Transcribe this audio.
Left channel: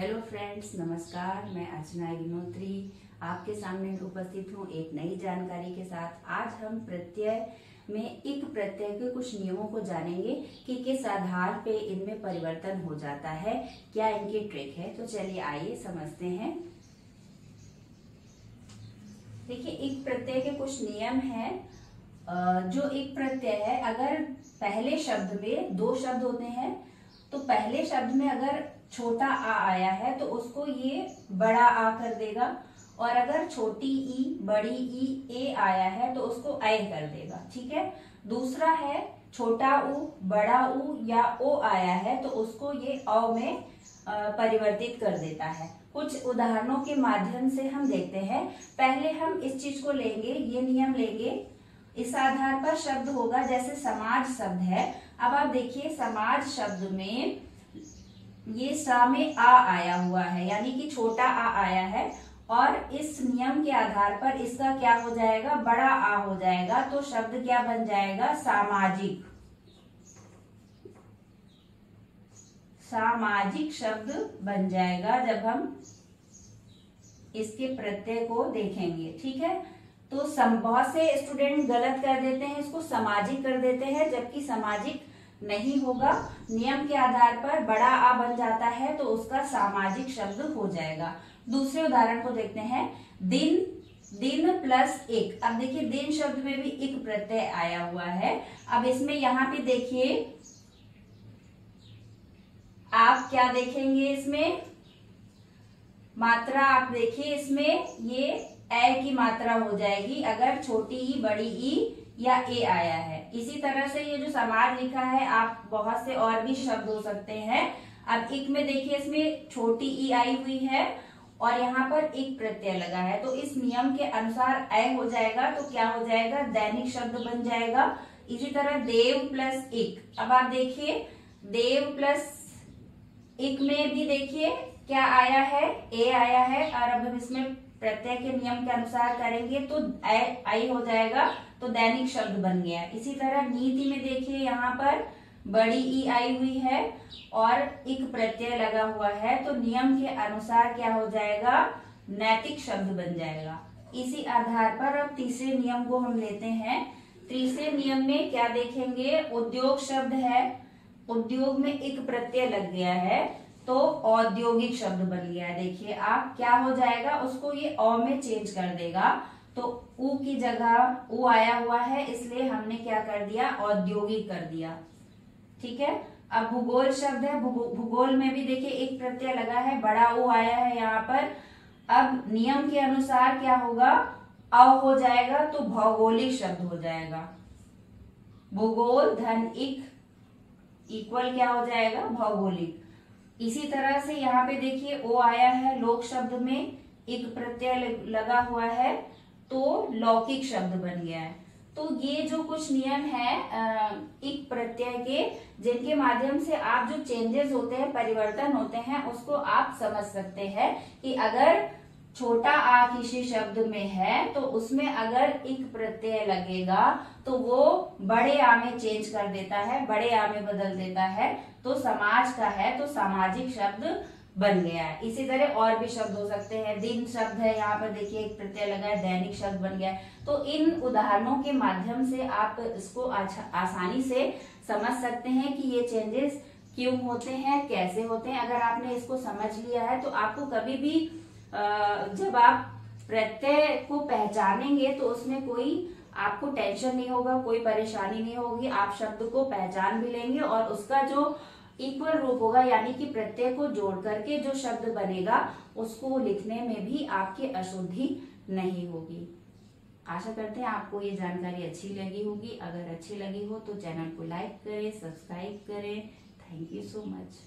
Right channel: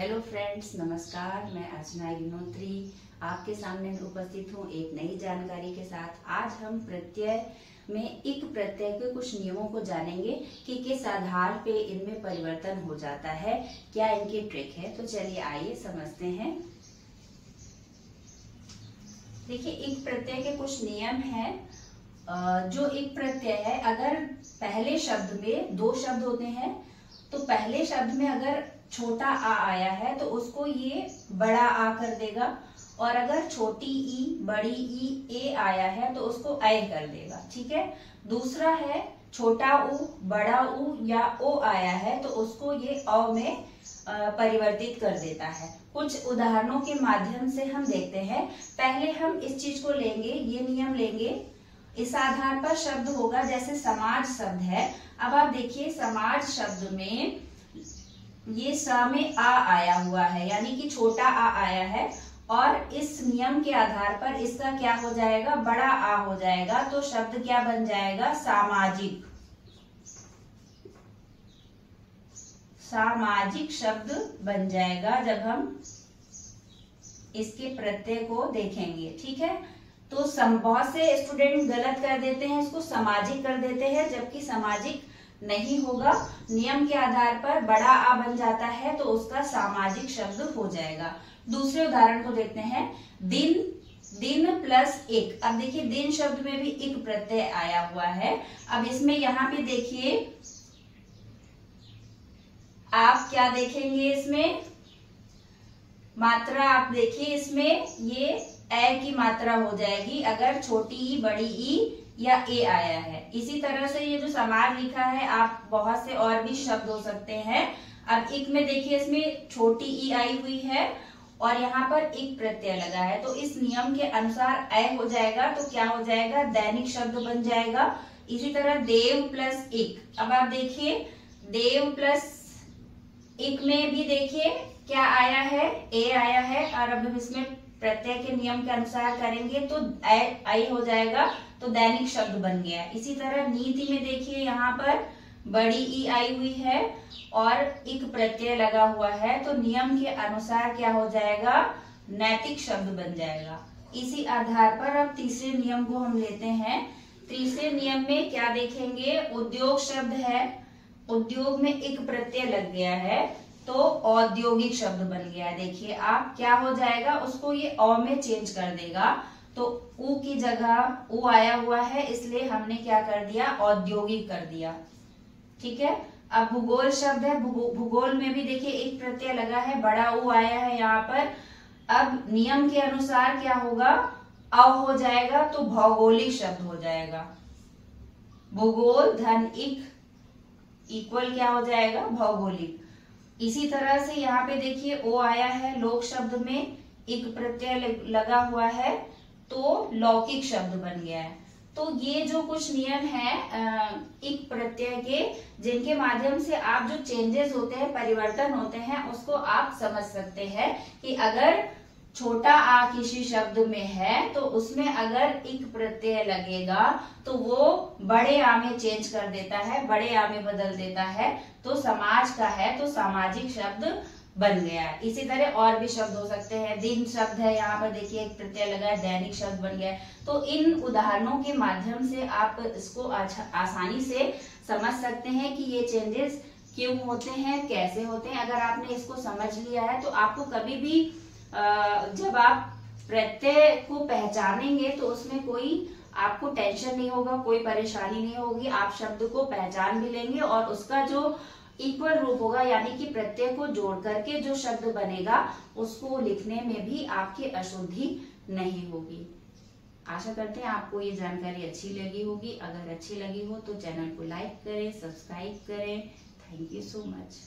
Hello friends, नमस्कार। मैं अर्चना गिनोत्री आपके सामने उपस्थित हूँ एक नई जानकारी के साथ। आज हम प्रत्यय में इक प्रत्यय के कुछ नियमों को जानेंगे कि किस आधार पे इनमें परिवर्तन हो जाता है, क्या इनकी ट्रिक है। तो चलिए आइए समझते हैं। देखिए, इक प्रत्यय के कुछ नियम हैं। जो इक प्रत्यय है, अगर पहले शब्द में दो शब्द होते हैं तो पहले शब्द में अगर छोटा आ आया है तो उसको ये बड़ा आ कर देगा, और अगर छोटी ई बड़ी ई ए आया है तो उसको ऐ कर देगा। ठीक है। दूसरा है छोटा ऊ बड़ा ऊ या ओ आया है तो उसको ये अ में परिवर्तित कर देता है। कुछ उदाहरणों के माध्यम से हम देखते हैं। पहले हम इस चीज को लेंगे, ये नियम लेंगे। इस आधार पर शब्द होगा, जैसे समाज शब्द है। अब आप देखिए, समाज शब्द में ये स में आ आया हुआ है, यानी कि छोटा आ आया है, और इस नियम के आधार पर इसका क्या हो जाएगा, बड़ा आ हो जाएगा। तो शब्द क्या बन जाएगा, सामाजिक। सामाजिक शब्द बन जाएगा जब हम इसके प्रत्यय को देखेंगे। ठीक है। तो बहुत से स्टूडेंट गलत कर देते हैं, इसको सामाजिक कर देते हैं, जबकि सामाजिक नहीं होगा। नियम के आधार पर बड़ा आ बन जाता है तो उसका सामाजिक शब्द हो जाएगा। दूसरे उदाहरण को देखते हैं। दिन, दिन प्लस एक। अब देखिए, दिन शब्द में भी एक प्रत्यय आया हुआ है। अब इसमें यहाँ पे देखिए, आप क्या देखेंगे, इसमें मात्रा आप देखिए, इसमें ये ए की मात्रा हो जाएगी अगर छोटी ई बड़ी ई या ए आया है। इसी तरह से ये जो समाज लिखा है, आप बहुत से और भी शब्द हो सकते हैं। अब इक में देखिए, इसमें छोटी ई आई हुई है और यहाँ पर एक प्रत्यय लगा है, तो इस नियम के अनुसार ऐ हो जाएगा। तो क्या हो जाएगा, दैनिक शब्द बन जाएगा। इसी तरह देव प्लस इक। अब आप देखिए, देव प्लस इक में भी देखिए क्या आया है, ए आया है, और अब हम इसमें प्रत्यय के नियम के अनुसार करेंगे तो आई हो जाएगा, तो दैनिक शब्द बन गया। इसी तरह नीति में देखिए, यहाँ पर बड़ी ई आई हुई है और एक प्रत्यय लगा हुआ है, तो नियम के अनुसार क्या हो जाएगा, नैतिक शब्द बन जाएगा। इसी आधार पर अब तीसरे नियम को हम लेते हैं। तीसरे नियम में क्या देखेंगे, उद्योग शब्द है। उद्योग में एक प्रत्यय लग गया है तो औद्योगिक शब्द बन गया। देखिए आप, क्या हो जाएगा, उसको ये अ में चेंज कर देगा। तो ऊ की जगह ऊ आया हुआ है, इसलिए हमने क्या कर दिया, औद्योगिक कर दिया। ठीक है। अब भूगोल शब्द है। भूगोल में भी देखिए एक प्रत्यय लगा है, बड़ा ऊ आया है यहाँ पर। अब नियम के अनुसार क्या होगा, अ हो जाएगा तो भौगोलिक शब्द हो जाएगा। भूगोल धन इक इक्वल क्या हो जाएगा, भौगोलिक। इसी तरह से यहाँ पे देखिए ओ आया है, लोक शब्द में एक प्रत्यय लगा हुआ है तो लौकिक शब्द बन गया है। तो ये जो कुछ नियम है एक प्रत्यय के, जिनके माध्यम से आप जो चेंजेस होते हैं, परिवर्तन होते हैं, उसको आप समझ सकते हैं कि अगर छोटा आ किसी शब्द में है तो उसमें अगर एक प्रत्यय लगेगा तो वो बड़े आ में चेंज कर देता है, बड़े आ में बदल देता है। तो समाज का है तो सामाजिक शब्द बन गया है। इसी तरह और भी शब्द हो सकते हैं। दिन शब्द है, यहाँ पर देखिए एक प्रत्यय लगा है, दैनिक शब्द बन गया है। तो इन उदाहरणों के माध्यम से आप इसको आसानी से समझ सकते हैं कि ये चेंजेस क्यों होते हैं, कैसे होते हैं। अगर आपने इसको समझ लिया है तो आपको कभी भी जब आप प्रत्यय को पहचानेंगे तो उसमें कोई आपको टेंशन नहीं होगा, कोई परेशानी नहीं होगी। आप शब्द को पहचान भी लेंगे और उसका जो इक्वल रूप होगा, यानी कि प्रत्यय को जोड़ करके जो शब्द बनेगा, उसको लिखने में भी आपकी अशुद्धि नहीं होगी। आशा करते हैं आपको ये जानकारी अच्छी लगी होगी। अगर अच्छी लगी हो तो चैनल को लाइक करें, सब्सक्राइब करें। Thank you so much.